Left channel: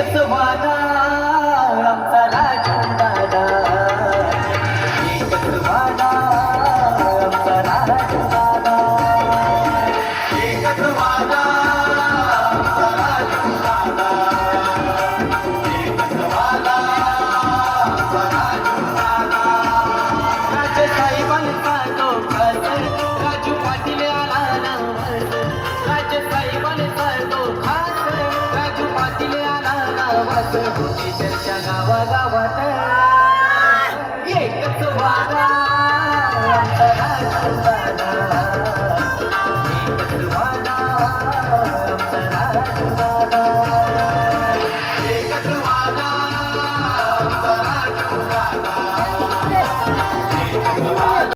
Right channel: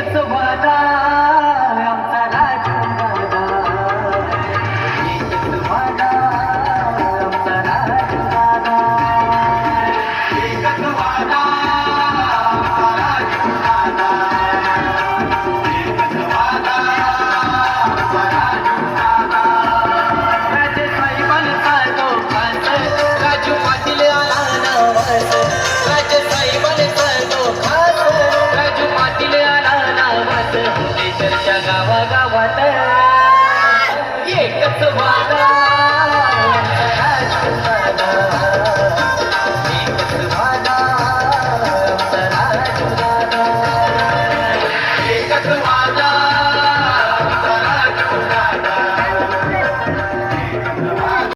एकच वादा आमचा राजू दादा, एकच वादा आमचा राजू दादा, एकच वादा आमचा राजू दादा, एकच वादा आमचा राजू दादा. राजे साहेबांचा तो खास राजू पाटील आला नावास, राजे साहेबांचा तो खास राजू पाटील आला नावास, चर्चा गावात